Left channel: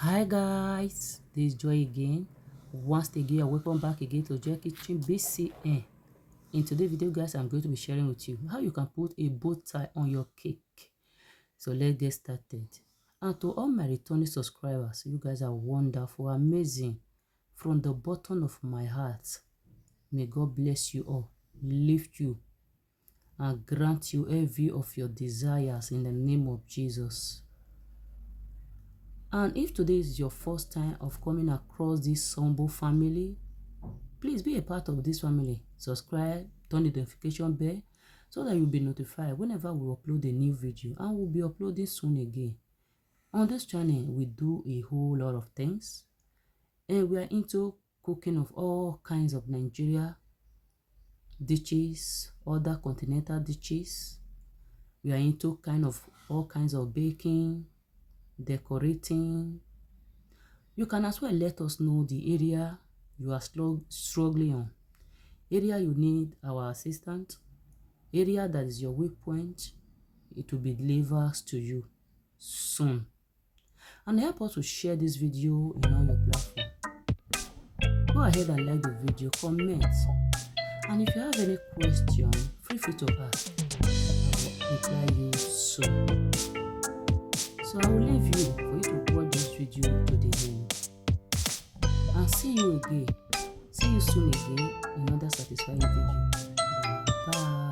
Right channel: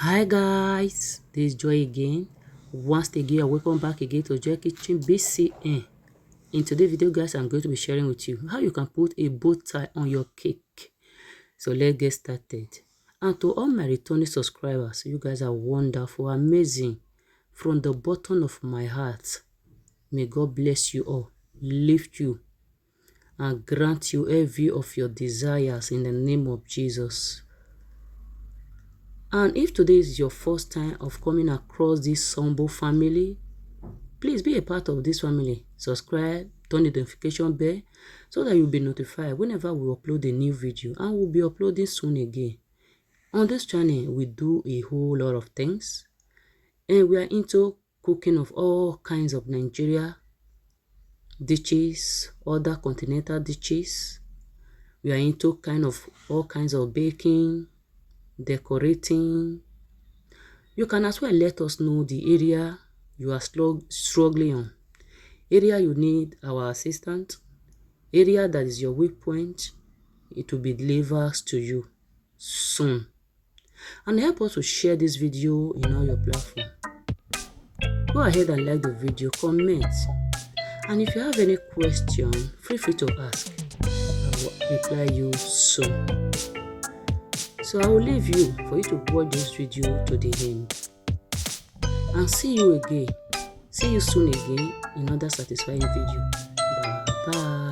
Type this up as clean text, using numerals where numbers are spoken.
Hi guys, this is Joy again. Once again, welcome back again to Joy Kitchen BCN. In today's video, guys, I'm going to be sharing with you how you can put a bow tie on your cake. So let's get started. And to all my returning subscribers, you guys are wonderful, amazing. From the bottom of my heart, may God bless you all, lift you, and grant you every of your desires in the name of Jesus. And if today is your first time of coming across this Sombo family, please be a part of this family. Subscribe, turn the notification bell so that you'll be notified whenever we upload a new video, and we'll be uploading soon again. On this channel, we do a whole lot of things, and we are into cooking of all kinds of Nigeria dishes, other continental dishes. We are into all kinds of baking, decorating. You can as well let us know the area you are struggling on, area you need our assistance, area that is your weak point. It will be delivered to you soon. And help us to share this video in all your platforms. Go ahead and like the video, comment. And if you have any question, feel free to ask. I will reply you soon. So I will leave you for you to watch this video to the end. And see you again. See you soon again in another satisfying video. Bye bye.